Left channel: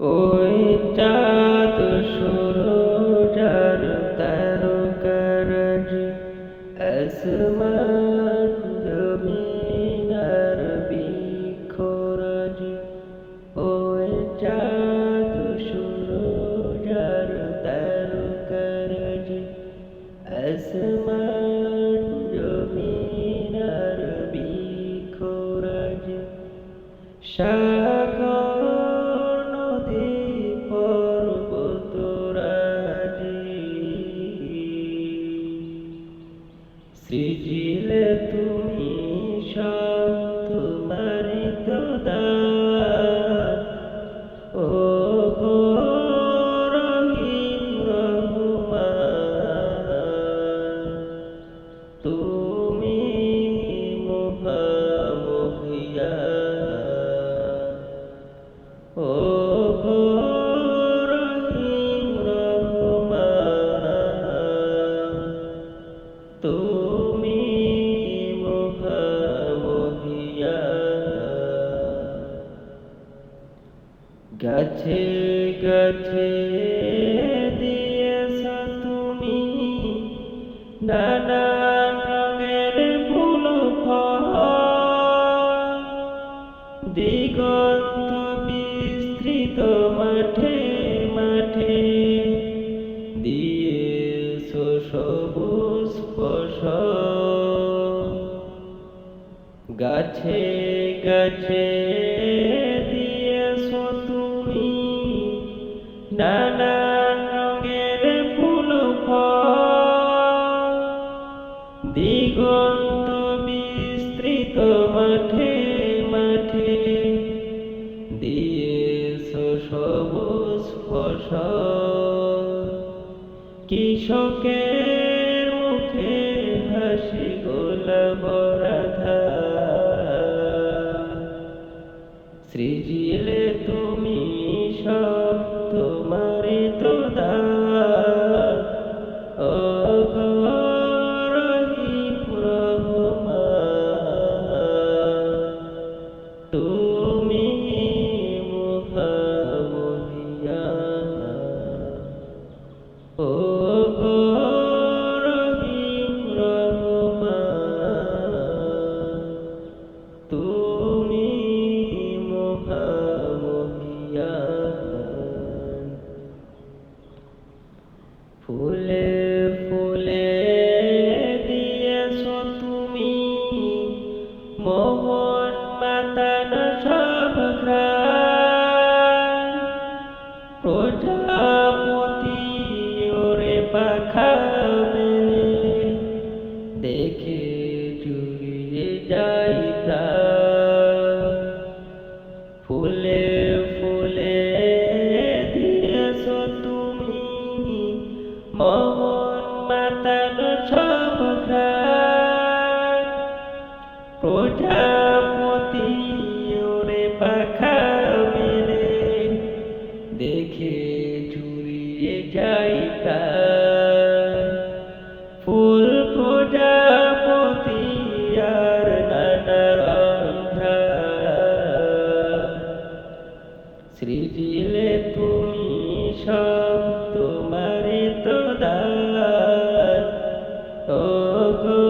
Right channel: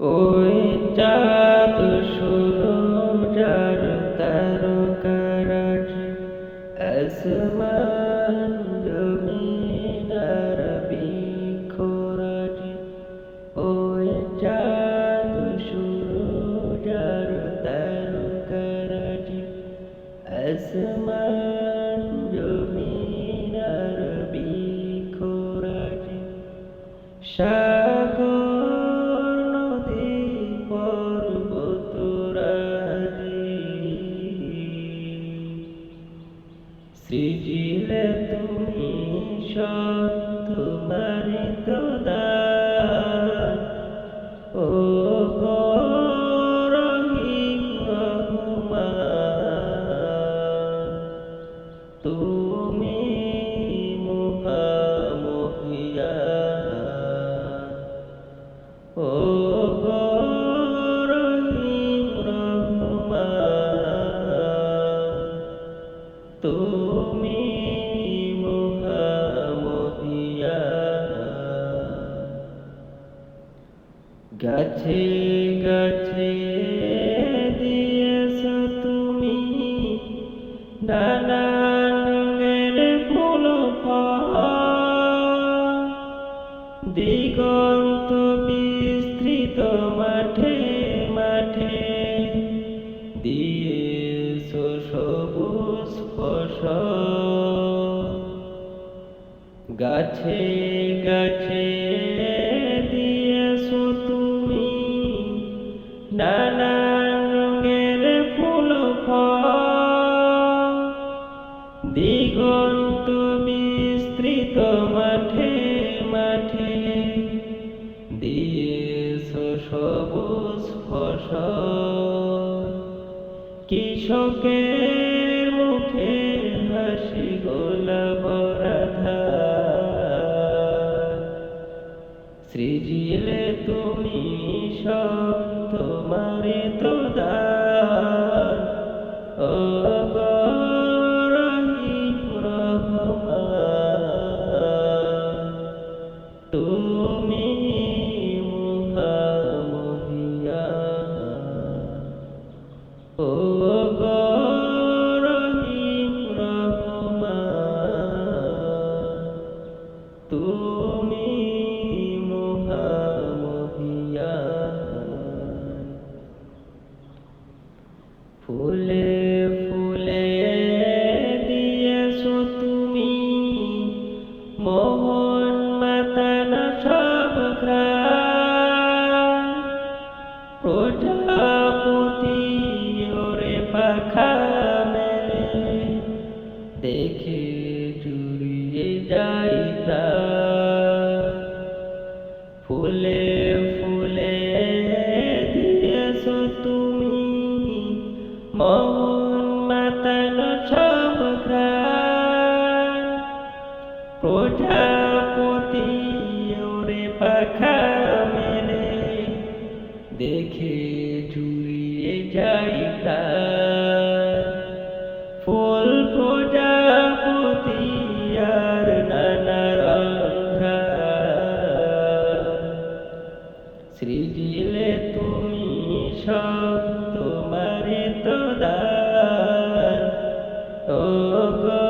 ওই চাঁদ সূরজ আর তারকারাজি, আসমান জমিন আর বৃক্ষরাজি। ওই চাঁদ সূরজ আর তারকারাজি, আসমান জমিন আর বৃক্ষরাজি। সাগর নদী পর্বতরাজি, সৃজিলে তুমি সব তোমারই তো দান। ও গো রহিম রহমান, তুমি মহামহিয়ান। ও গো রহিম রহমান, তুমি মহামহিয়ান। গাছে গাছে দিয়েছ তুমি নানান রঙের ফুল ফল, দিগন্ত বিস্তৃত মাঠে মাঠে দিয়েছ সবুজ ফসল। গাছে গাছে দিয়েছ তুমি নানান রঙের ফুল ফল, দিগন্ত বিস্তৃত মাঠে মাঠে দিয়েছ সবুজ ফসল। কৃষকের মুখে হাসি গোলাপরা ধান, সৃজিলে তুমি সব তোমারই তো দান। ও গো রহিম রহমান, তুমি মহামহিয়ান। ও গো রহিম রহমান, তুমি মহামহিয়ান। ফুলে ফুলে দিয়েছ তুমি মোহন মাতানো সব ঘ্রাণ, প্রজাপতি ওরে পাখা মেলে দেখে জুড়িয়ে যাই প্রাণ। ফুলে ফুলে দিয়েছ তুমি মোহন মাতানো সব ঘ্রাণ, প্রজাপতি ওরে পাখা মেলে দেখে জুড়িয়ে যাই প্রাণ। ফুল প্রজাপতি আর নানা রং ঘ্রাণ, সৃজিলে তুমি সব তোমারই তো দান। ও গো